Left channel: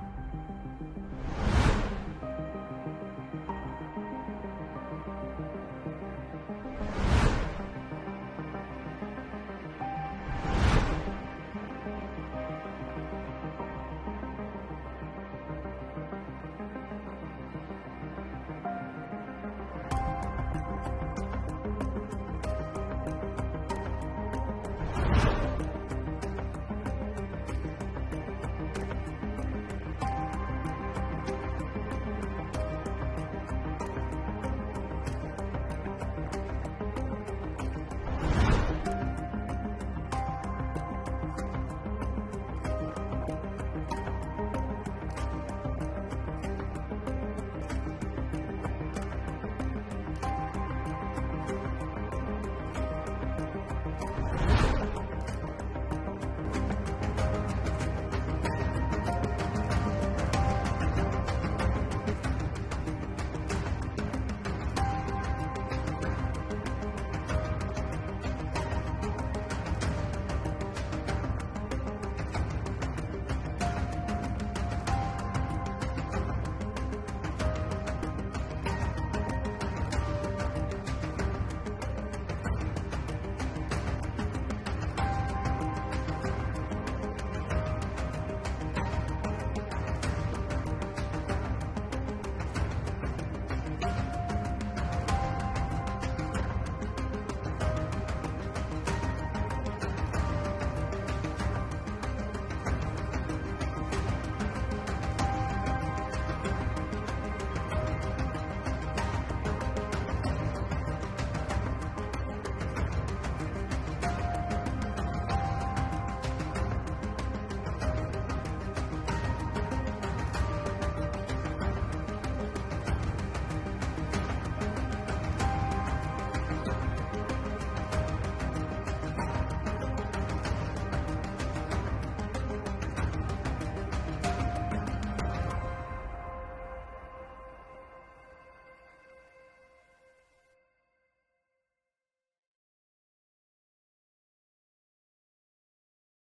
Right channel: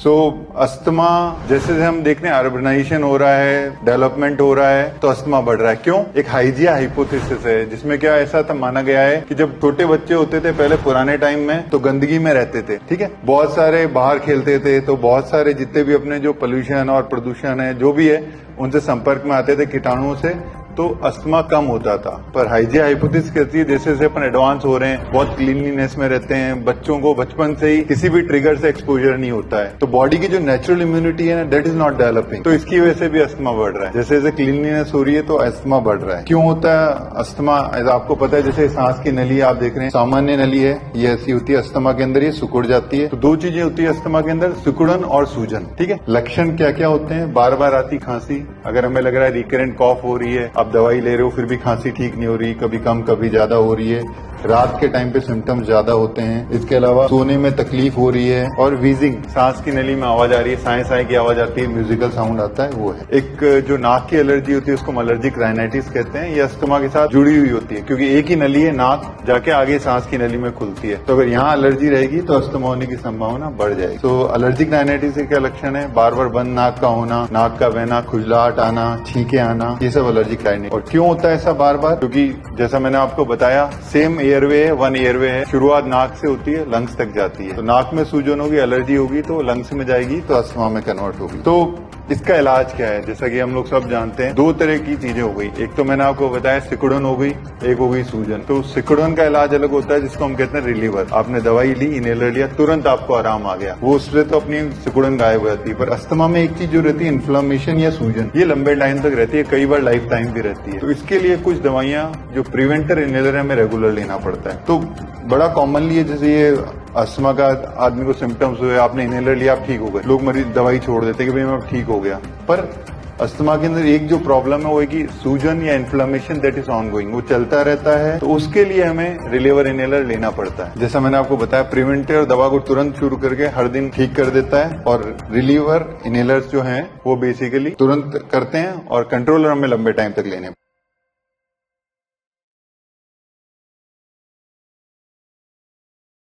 Asthma जैसे हम देख रहे हैं, अर्बनाइजेशन हो रहा है, डेवलपमेंट हो रहा है, तो अस्थमा बढ़ रहा है। क्यों? एक हाइजिया हाइपोथेसिस है जिसमें क्या ऐसा था माना गया है कि जब छोटे बच्चे होते थे पहले पुराने टाइम में, तो गंदगी में रहते थे, ठीक है, बहुत सारे बाहर खेलते थे, तो बहुत सारे जितने भी अपने जो पोल्यूशन और प्रदूषण है जो भी है उनसे संपर्क में आते थे कीटाणुओं से, तो अस्थमा कम होता था। पर हाइजिया हाइपोथेसिस कहती है जैसे जैसे अपन एडवांस हो रहे हैं, बहुत क्लीनलीनेस में रहते हैं, बच्चों को बचपन से ही किसी भी ट्रिगर से एक्सपोजर नहीं होता है, तो बॉडी की जो नेचुरल इम्यूनिटी है ना, दैट इज नॉट डेवलपिंग, तो इसकी वजह से भी अस्थमा बढ़ रहा है। जैसे जैसे क्लीनलीनेस हो रही है तो अस्थमा बढ़ रहा है। क्यों होता है अस्थमा? आपको पता है जैसे सांस की नली आप देख रहे हैं, सामान्य नली है, ये ऐसी होती है, अस्थमा के अंदर ये सिकुड़ जाती है। तो दो चीजें होती है अस्थमा के अंदर, सिकुड़न और सूजन, ठीक है। लक्षण क्या क्या होते हैं? बार बार आती खांसी, अगर हमें लग रहा है रिकरेंट कॉफ हो रही है, आप दवाई ले रहे हो फिर भी खांसी ठीक नहीं हो रही, कभी कम कभी ज्यादा हो रही है, रात के टाइम पे सिम्टम्स ज्यादा होते हैं, इसके अलावा सोने में तकलीफ हो रही है, और वीजिंग, सांस की नली में आवाज आ रही है, साए साए की आवाज आती है, म्यूजिकल साउंड आता है, वो है। एक जो नाक की एलर्जी होती है उसको एलर्जिक राइनाइटिस कहते हैं, ये अस्थमा के साथ जुड़ी हुई होती है, क्योंकि एक ही नली है, नाक जाके आगे सांस की नली में खुलती है, तो अगर यहाँ एलर्जी रहेगी तो अस्थमा होने की संभावना बढ़ जाएगी। तो एलर्जिक राइनाइटिस के क्या लक्षण है? बार बार बंद नाक का होना, नाक का बहना, खुजलाहट आना, छींके आना, ये सब एलर्जिक राइनाइटिस। और क्यों होता है ऐसा बार बार? क्योंकि जैसा मैंने आपको बताया, सेम एयरवे है, वन एयरवे है, शुरुआत नाक से होती है, लंग्स तक जाती है, तो नाक में सूजन होगी, एलर्जी होगी तो लंग्स में जाएगी, तो अस्थमा में कन्वर्ट होगी। तो इसका इलाज क्या है? जैसा कि हम लोग सब जानते हैं, दो तरह की चीजें हो गई, एक तो मैंने आपको बताया सिकुड़न हो गई, एक हो गई सूजन। तो सिकुड़न का इलाज अलग होता है जिसको हम कहते हैं रिलीवर, आपने दवाई ली, इनहेलर लिया, तुरंत आपको आराम आ गया, वो उससे तो अपनी सिकुड़न गायब हो जाती है। पर अस्थमा में एक चीज जो रहती है, इन्फ्लेमेशन या सूजन, ये लंबे टाइम तक रहती है, कई बार लाइफ टाइम भी रहती है। तो इसके लिए कुछ दवाइयां जो प्रिवेंटर इनहेलर है, हमें रेगुलर लेना पड़ता है। तो बड़ा कॉमनली है, जैसे ये अस्थमा का आदमी को सिम्टम्स हुए, आपने इनहेलर लिया, आप ठीक हो गए, लोग मरीज दवाई छोड़ देते कि भाई मैं ठीक हो गया। पर अस्थमा के अंदर एक जो प्रॉब्लम है वो है कि सूजन या इन्फ्लेमेशन दैट इज ऑनगोइंग, वो चलता रहता है, तो उसके लिए हमें रिलीवर इनहेलर लेना पड़ता है। जैसा मैंने आपको बताया, प्रिवेंटिव दवा को तुरंत शुरू करके हर दिन ठीक कर देता है, और रिलीवर इनहेलर्स जो हैं वो बेसिकली तुरंत करते हैं, और कंट्रोलर हमें लंबे टाइम तक लेने